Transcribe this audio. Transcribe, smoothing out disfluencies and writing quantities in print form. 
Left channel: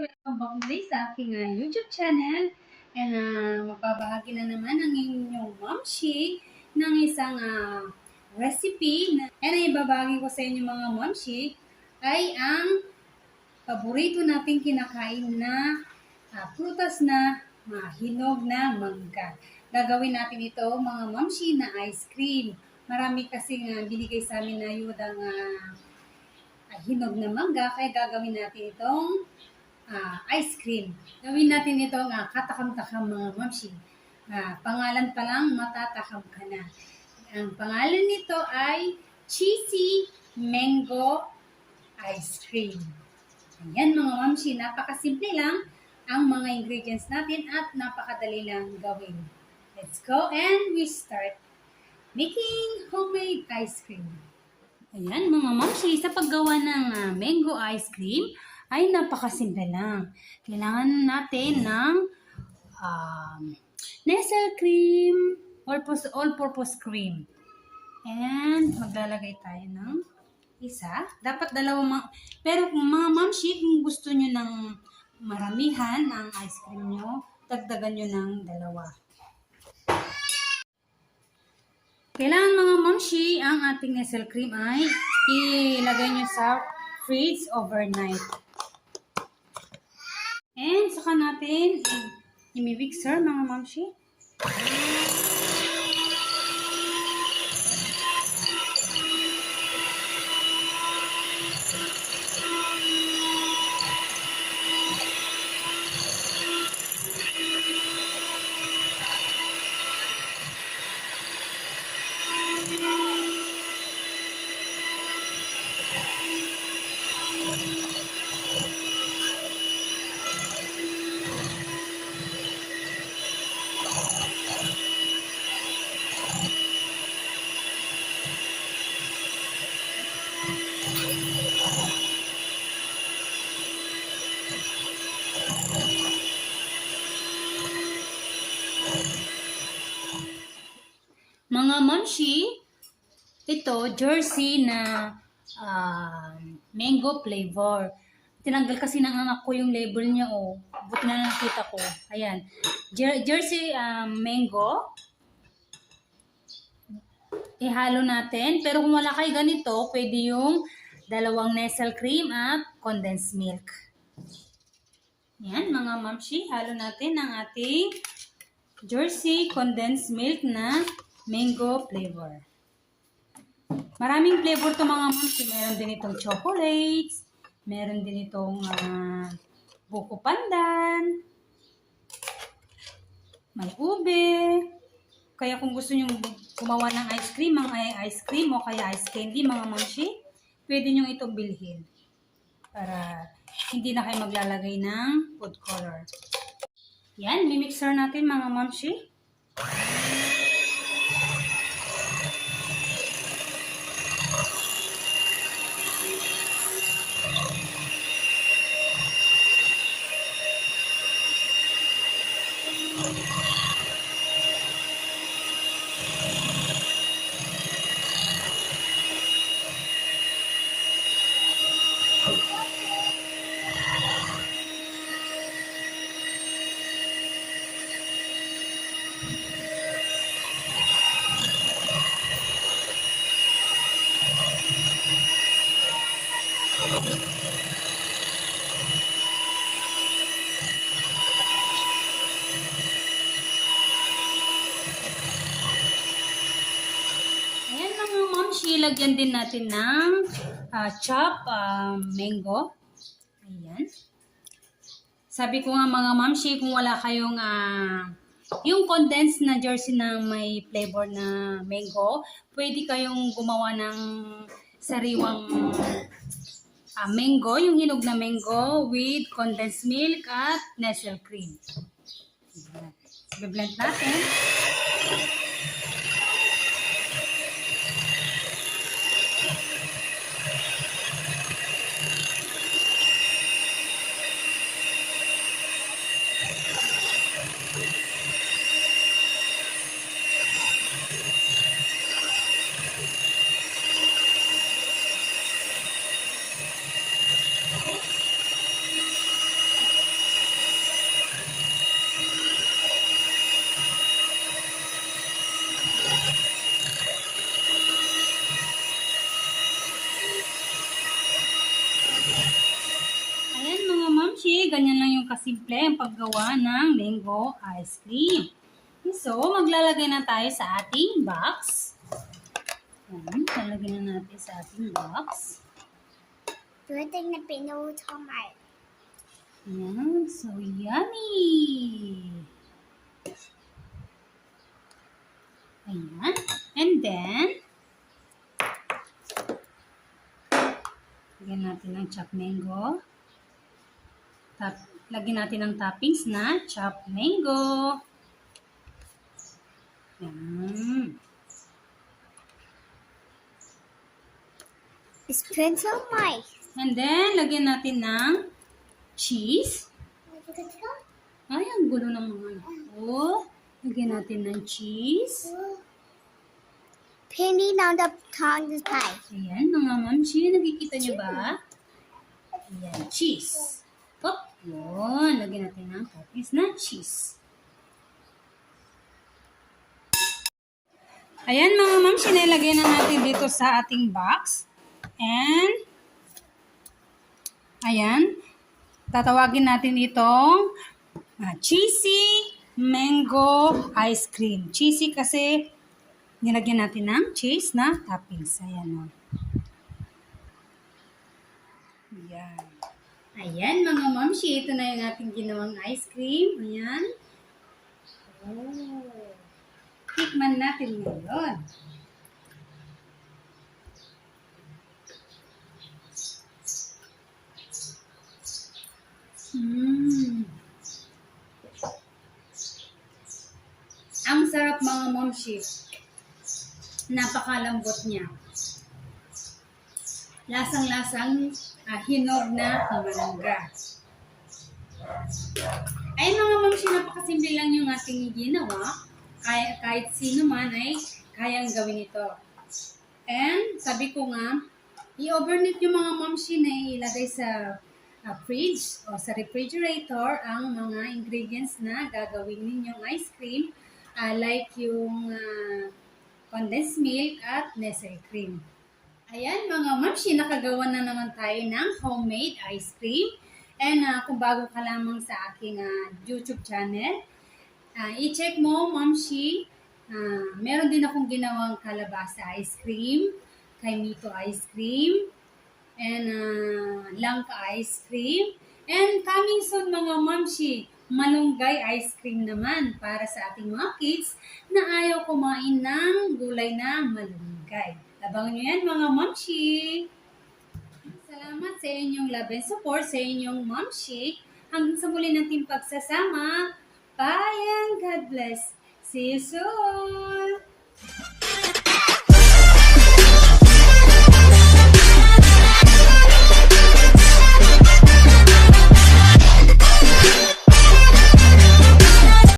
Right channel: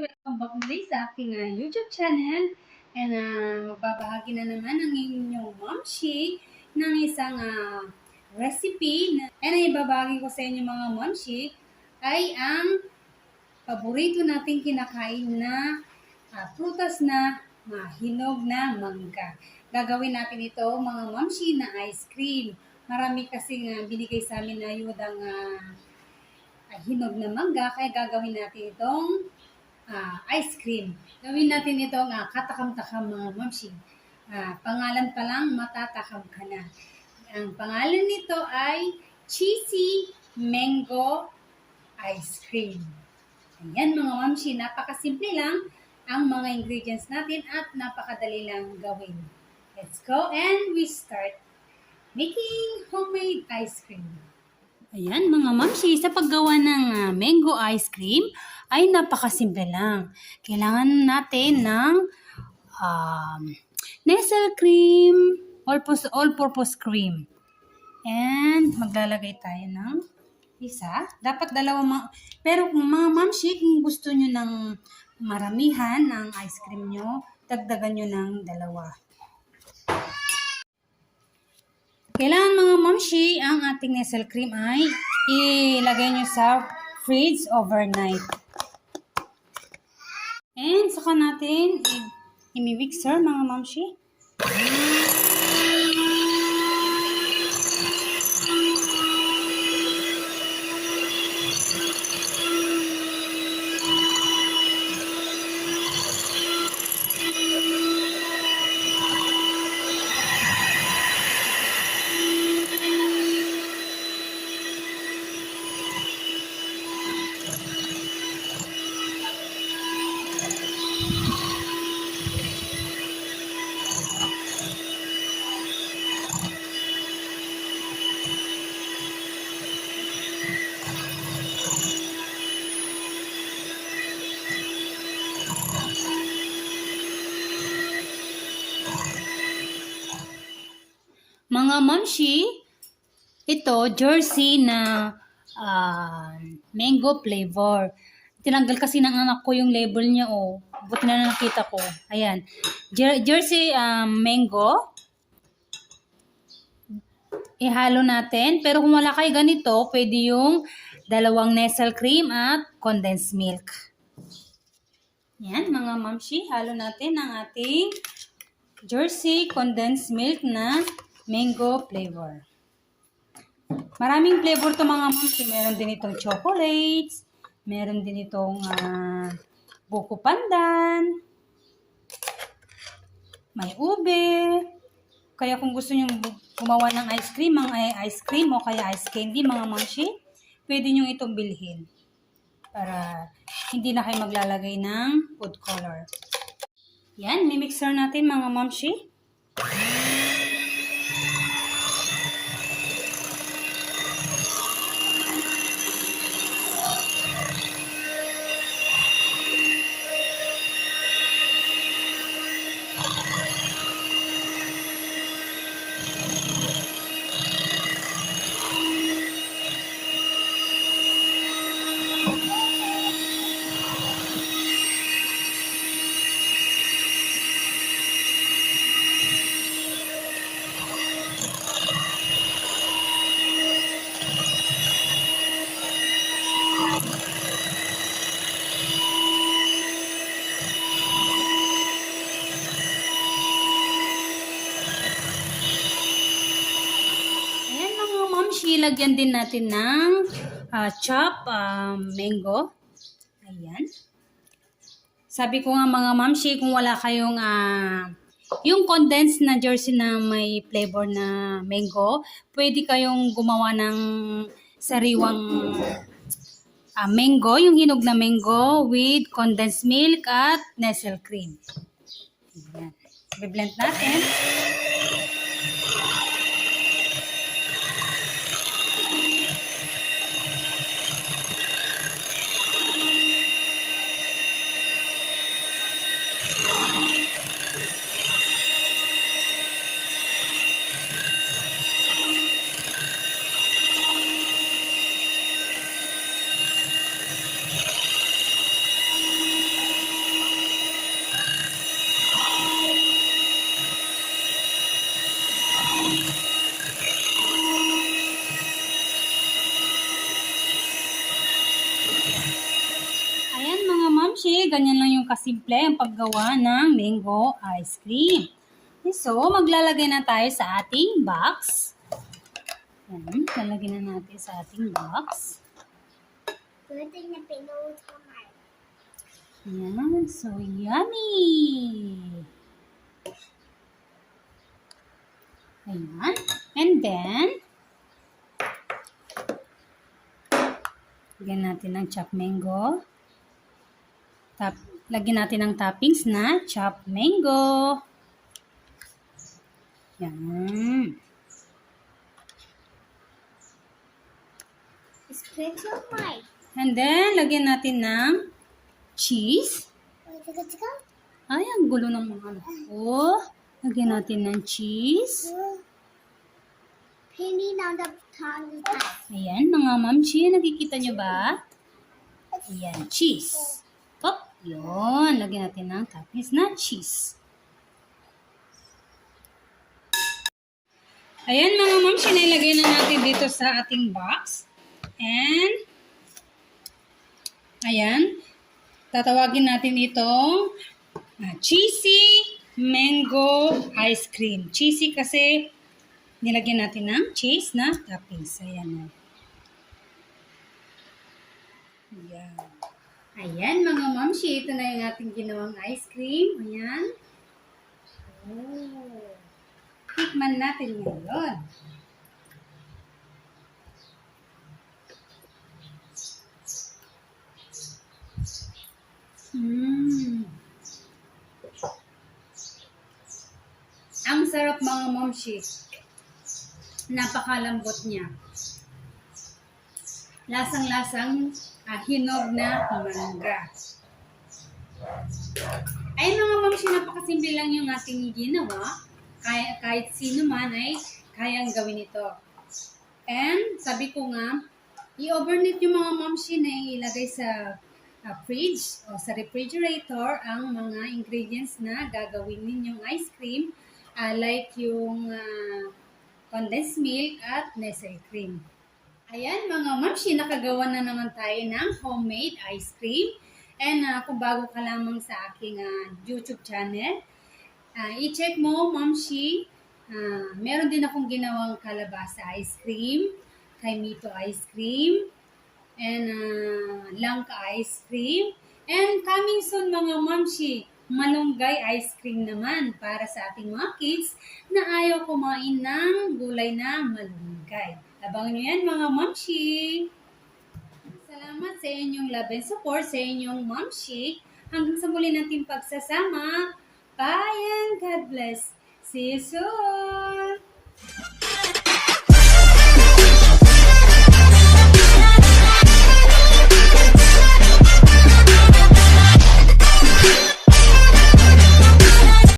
Welcome back muli sa aking YouTube channel. And magbabahagi na naman ang inyong momshi ng isang recipe. And ang ibabahagi ko sa inyo mga momshi ay ang paborito nating kinakain na prutas na hinog na mangga. Gagawin natin ito mga momshi na ice cream. Marami kasing binigay sa amin na ayudang hinog na mangga, kaya gagawin natin itong ice cream. Gawin natin itong katakam-takam mga mamshi. Pangalan pa lang, matatakam ka na. Ang pangalan nito ay cheesy mango ice cream. Ayan mga mamshi, napakasimple lang ang mga ingredients natin at napakadali lang gawin. Let's go and we start making homemade ice cream. Ayan mga mamsi, sa paggawa ng mango ice cream ay napakasimple lang. Kailangan natin ng Nestle cream, all-purpose cream. And maglalagay tayo ng isa. Dapat dalawa. Pero kung mga mamsi, kung gusto nyo ng maramihan ng ice cream nyo, dagdagan nyo ng dalawa. Kailangan mga mamshi, ang ating Nestle cream ay ilagay nyo sa fridge overnight. And saka natin i-mixer mga mamshi. Mga mamshi, ito jersey na mango flavor. Tinanggal kasi ng anak ko yung label niya, oh. Buti na nakita ko. Ayan. Jersey mango. Ihalo natin. Pero kung wala kayo ganito, pwede yung dalawang Nestle cream at condensed milk. Yan mga mamshi, halo natin ang ating jersey condensed milk na mango flavor. Maraming flavor to mga mamshi. Meron din itong chocolates. Meron din itong buko pandan. May ube. Kaya kung gusto nyo gumawa ng ice cream o kaya ice candy mga mamshi, pwede nyo itong bilhin. Para hindi na kayo maglalagay ng food color. Yan, mimixer natin mga mamshi. mamshi, lagyan din natin ng chop mango. Ayan. Sabi ko nga mga mamshi, kung wala kayong yung condensed na jersey na may flavor na mango, pwede kayong gumawa ng sariwang mango, yung hinog na mango with condensed milk at Nestle cream. Ayan. I-blend natin. Ayan mga mamshi, ganyan lang yung kasimple ang paggawa ng mango ice cream. So, maglalagay na tayo sa ating box. Ayan, lalagyan na natin sa ating box. Pwedeng na pinutomate. Ayan, so yummy! Ayan, and then, lagyan natin ng chopped mango. Lagyan natin ng toppings na chopped mango. Yan. It's pinutomate. And then, lagyan natin ng cheese. Ay, ang gulo ng mga ano. Oh, lagyan natin ng cheese. Penny on the tongue is pie. Ayan, mga mamshi, nakikita nyo ba? Ayan, cheese. Oh, yun. Lagyan natin ng toppings na cheese. Ayan, mga mamshi, nilagay na natin dito sa ating box. And, ayan, tatawagin natin itong cheesy mango ice cream. Cheesy kasi nilagyan natin ng cheese na toppings. Ayan o. Ayan. Ayan mga mamshi, ito na yung ating ginawang ice cream. Ayan. Oh. Tikman natin ngayon. Ang sarap mga momshi. Napakalambot niya. Lasang-lasang hinog na mangga. Ay mga momshi, napakasimple lang yung ating ginawa. Kahit sino man ay kayang gawin ito. And sabi ko nga, i-overnight yung mga momshi na ilagay sa fridge o sa refrigerator ang mga ingredients na gagawin ninyong ice cream, like yung condensed milk at Nestle cream. Ayan mga mamshi, nakagawa na naman tayo ng homemade ice cream. And kung bago ka lamang sa aking YouTube channel, i-check mo mamshi, meron din akong ginawang kalabasa ice cream, kaimito ice cream, and langka ice cream. And coming soon mga mamshi, malunggay ice cream naman para sa ating mga kids na ayaw kumain ng gulay na malunggay. Abangan nyo yan mga mamshi. Salamat sa inyong love and support sa inyong mamshi. Hanggang sa muli nating pagsasama. Bye and God bless. See you soon!